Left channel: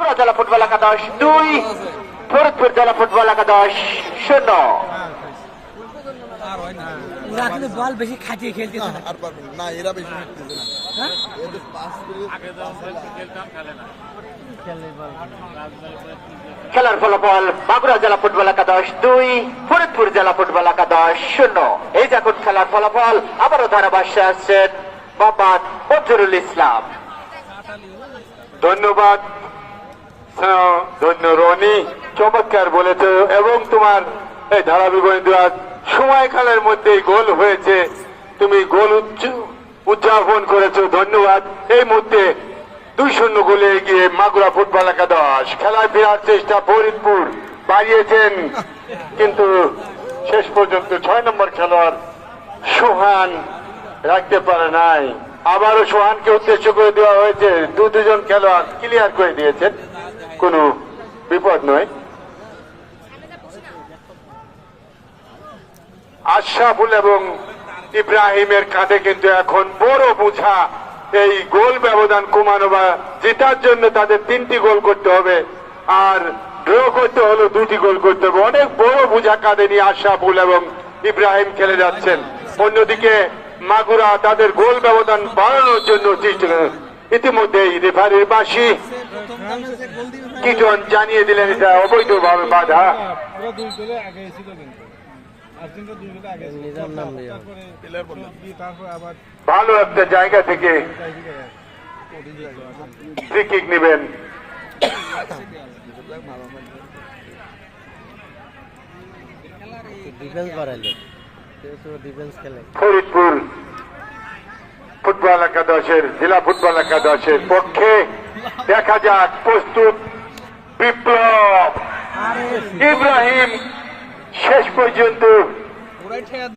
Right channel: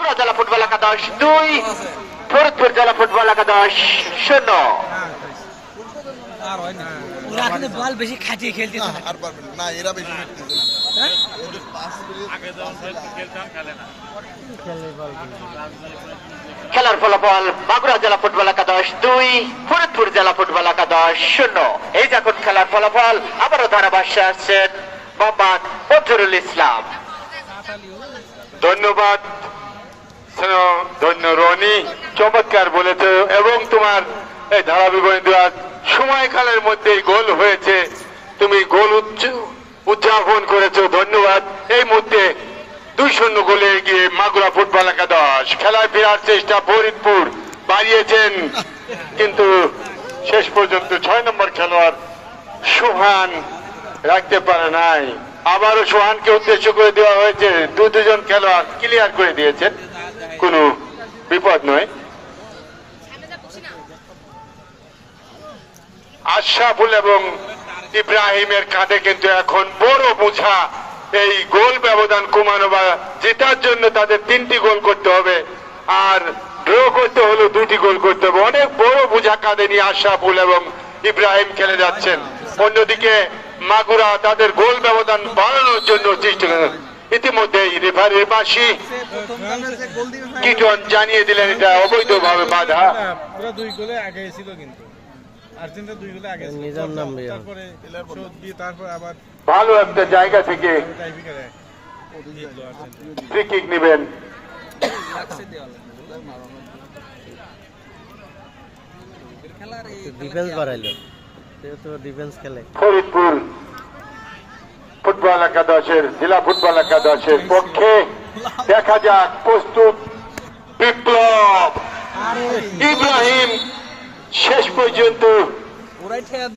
মাগুরা জেলা ফুটবল একাদশ 2, ফরিদপুর জেলা ফুটবল একাদশ 0। ওরা কিন্তু বল বেশি খাটিয়ে খেলতে আর পারবেন না, এরা বেশি শিখতেছে না। এদের পাস খেলার ফলাফল মাগুরা জেলা ফুটবল একাদশ 2, ফরিদপুর জেলা ফুটবল একাদশ 0। এই যখন খেলার ফলাফল আবারও ধারাভাষ্যে আসছেন মোহাম্মদ ফজরুল ইসলাম। ধন্যবাদ ধন্য রনি, চমৎকার বলেছ এবং তোমার এই ধারাবিবরণী সময়কালের মধ্যেই গোল হয়েছে, তুমি গোল উদযাপন করেছো, ধন্যবাদ। এই মুহূর্তে 2-0 গোলে এগিয়ে মাগুরা ফুটবল একাদশ। খেলায় ফেরার চেষ্টা ফরিদপুর বাড়িয়েছেন, কিন্তু শেষ পর্যন্ত 6 নম্বর খেলোয়াড় সোহান রাখতে পারে নাই। আবারও সোহানকে উদ্দেশ্য করে দেওয়া হয়েছে, দুজন খেলোয়াড় ক্লিয়ার করে দিয়েছেন, কোনো বিপদ নয়। আশরাফুল এবং ইব্রাহিমের কাঁধে কিন্তু এখন বড় বোঝা, এই গোল ব্যবধান কমানো বা জেতার জন্য তাদের 3টি গোল করতে হবে, আর ড্র করতে হলে 2টি গোল করতে হবে। অনেক বড় বোঝা কাঁধে নিয়ে আশরাফুল এবং ইব্রাহিম খেলে যাচ্ছেন। অন্যদিকে মাগুরা তাদের গোল ব্যবধান বাড়ানোর জন্য চেষ্টা করেন। ইতিমধ্যেই রেফারির বাঁশি কিটন জানিয়ে দিলেন এটা অবৈধভাবে বাধা। ভালো একটা জায়গা থেকে ফ্রি কিক নেবেন। ডিফেন্স বাড়াইলো, ডিফেন্স খেলে। ফরিদপুর ফুটবল একাদশের জেলা ফুটবল একাদশের পক্ষে দেখা যাক, প্রস্তুত বিপ্লব ইব্রাহিম শেষ পর্যন্ত